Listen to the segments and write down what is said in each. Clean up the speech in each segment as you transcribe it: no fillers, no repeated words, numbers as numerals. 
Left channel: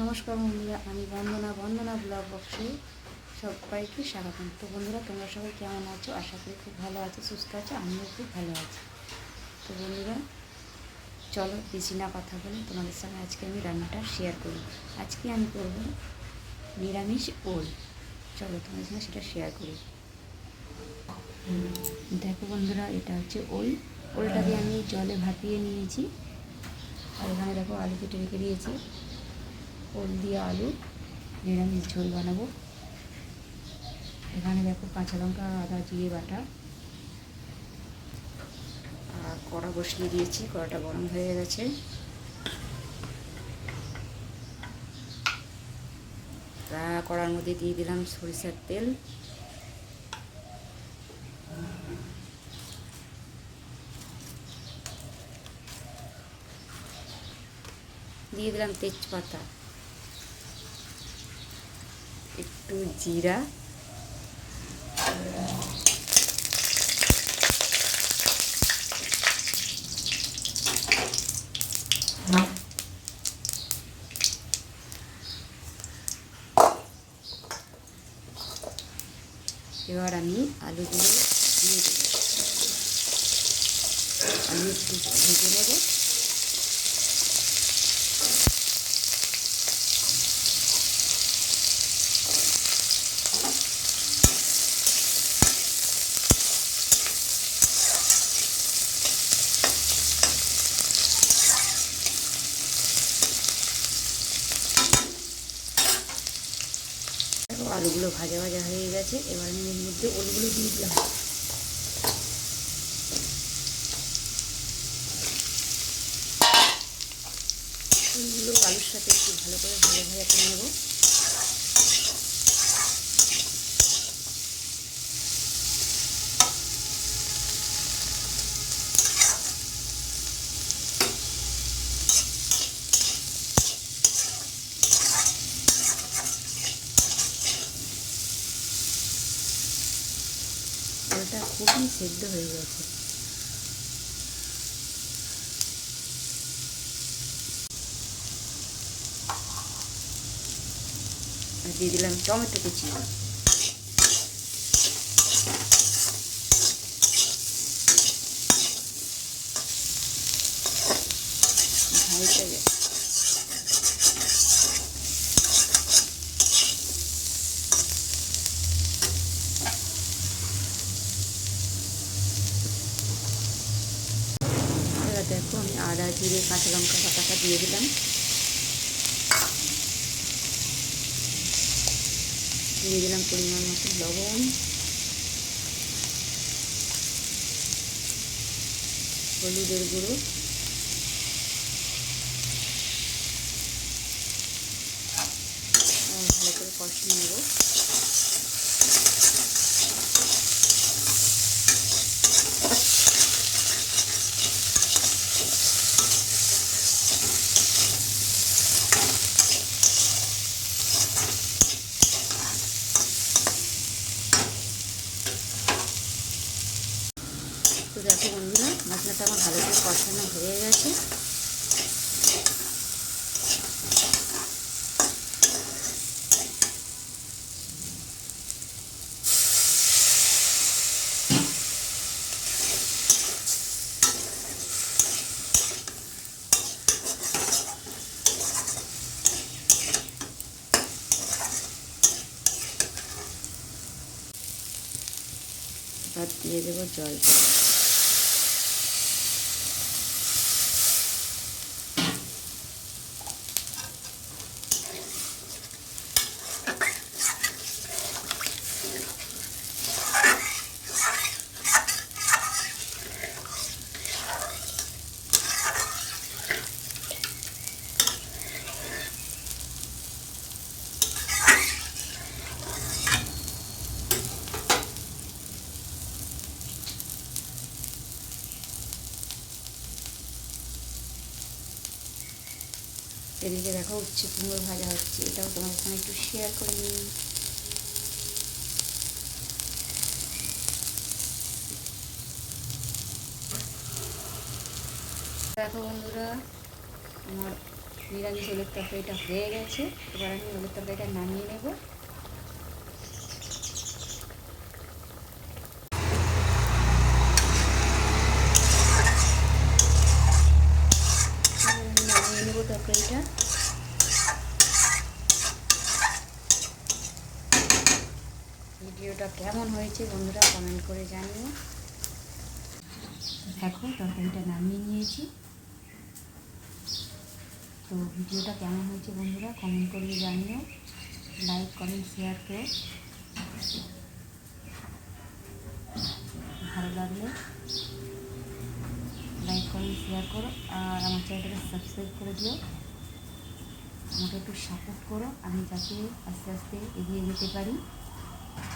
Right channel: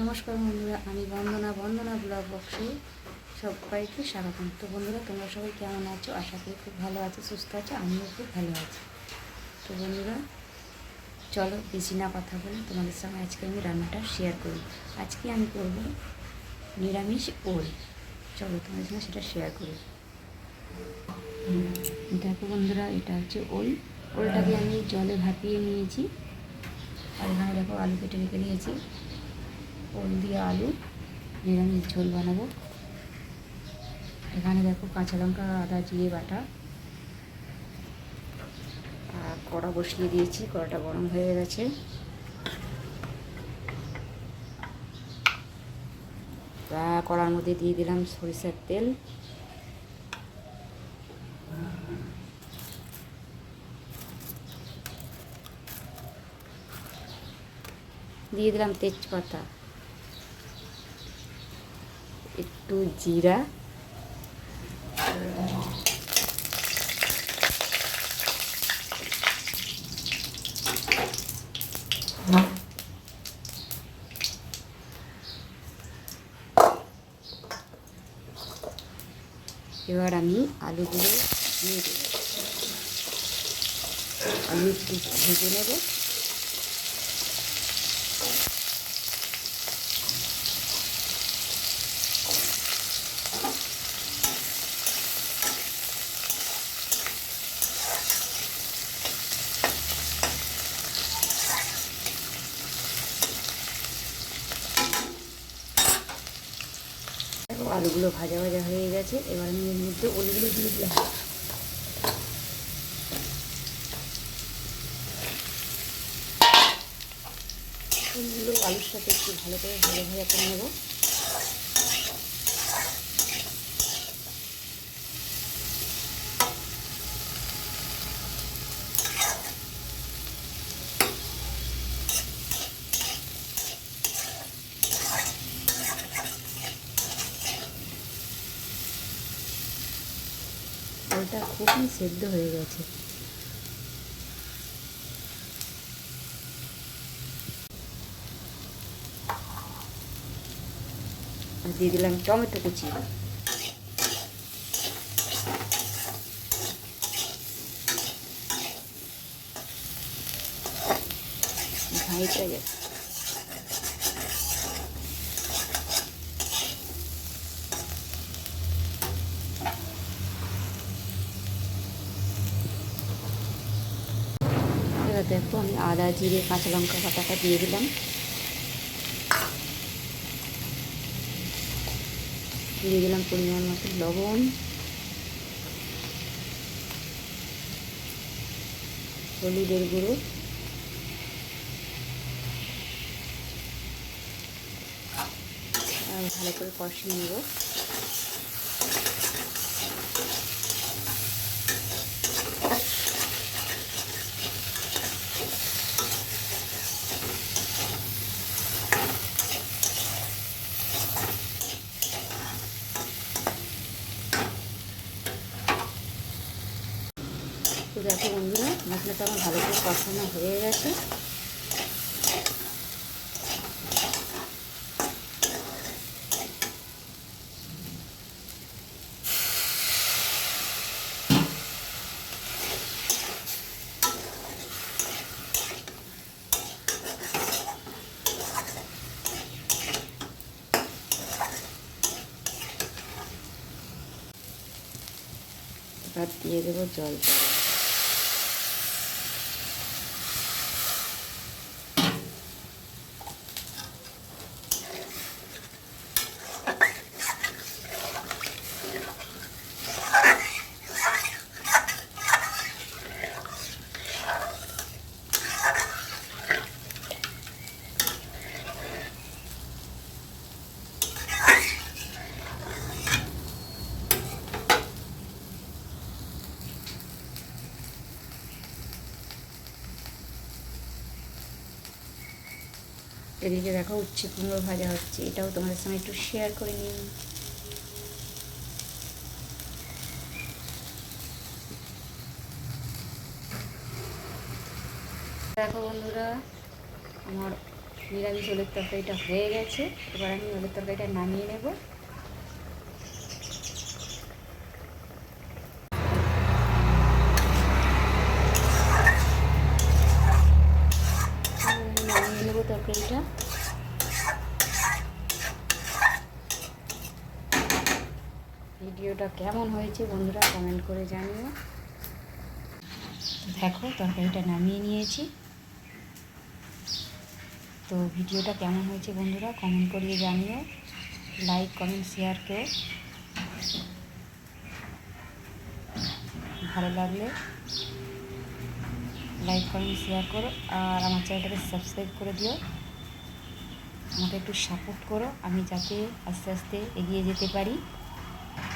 নমস্কার বন্ধুরা, আমি বন্দনা ব্লগ বক্সে সবাইকে স্বাগতম। তো বন্ধুরা, তোমরা সবাই কেমন আছো? আশা করি খুব ভালো আছো, সুস্থ আছো। আমিও খুব ভালো আছি। তো বন্ধুরা, চলো বেশি না কথা বলে তোমাদের সঙ্গে আজকে আমি রান্নাটা শেয়ার করি। আজকে আমি করব নিরামিষ ওল। চলো তোমাদের সঙ্গে সেটা শেয়ার করি। দেখো বন্ধুরা, এটা হচ্ছে ওলটাকে আমি জলে ভাপিয়ে নিয়েছি। আর এখানে দেখো আলু কেটে রেখে দিয়েছি। ওল দিয়ে আলু নিরামিষ ঝোল বানাবো। এখানে দেখো কাঁচা লঙ্কা, আদা, জিরে বাটা। আর কড়া বসিয়ে দিয়েছি, কড়াটা গরম হয়ে গেছে। কড়ার মধ্যে দিয়ে দিলাম সরিষার তেল। দিয়ে দিলাম তেজপাতা, একটু জিরা, এবার আমি আলুগুলো দিয়ে দেবো। আলু একটু ভেজে নেব। আলুগুলো ভাজা ভাজা হয়ে গেছে। এবার আমি এর মধ্যে ওলগুলো দিয়ে দিলাম। ওলগুলো আলুর সাথে একটু ভালো করে ভাজা ভাজা করে নেব। ওলটা খুবই সেদ্ধ হয়ে গেছে। আর দিয়ে দিলাম টমেটো কুচি। ভাইটা গেছে। এবার দেখো আমি আদা, জিরে, কাঁচা লঙ্কা বাটাটা দিয়ে দিলাম। দিয়ে দিলাম পরিমাণ মতো লবণ, হলুদের গুঁড়ো, আর ভালো করে কষিয়ে নেব। তো দেখো বন্ধুরা, মশলাটা আমার ভালো করে কষানো হয়ে গেছে। এবার দিয়ে দেবো জল। এদিকে দেখো উচ্ছে কুমড়ো ভাজা হচ্ছে, এটাও তোমাদের সঙ্গে একটু শেয়ার করে নিই। দেখো বন্ধুরা, আমার নিরামিষ ওলের তরকারিটা হয়ে গেছে। এবার আমি ওলের তরকারিটা নামিয়ে নেব। নামিয়ে নেব তরকারিটা। ভিডিওটা কেমন হয়েছে বন্ধুরা কমেন্ট করে জানিও। দেখো তরকারিটা নামিয়ে নিয়েছি। তো ভিডিওটা কেমন হয়েছে বন্ধুরা কমেন্ট করিয়ে জানিও। লাইক কমেন্ট শেয়ার করো, ভালো লাগলে লাইক কমেন্ট শেয়ার করো, আর আমার চ্যানেলটাকে সাবস্ক্রাইব করে দিও। আমাকে একটু সাপোর্ট করো, আমি যাতে আস্তে আস্তে এগিয়ে যেতে পারি।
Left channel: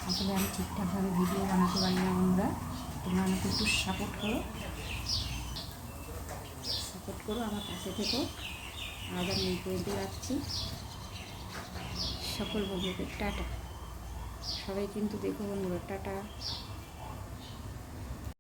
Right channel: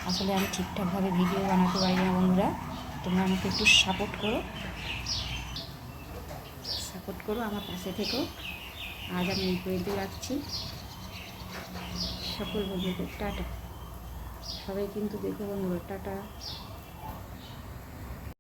আসলে আমি ঠিকঠাকভাবে ভিডিও বানাতে পারি না বন্ধুরা, তোমরা আমাকে একটু সাপোর্ট করো, আমার পাশে থেকো। আজ আমি এই পর্যন্ত রাখছি। সকল বন্ধুদের টাটা। সবাই কিন্তু দেখো বন্ধুরা, টাটা।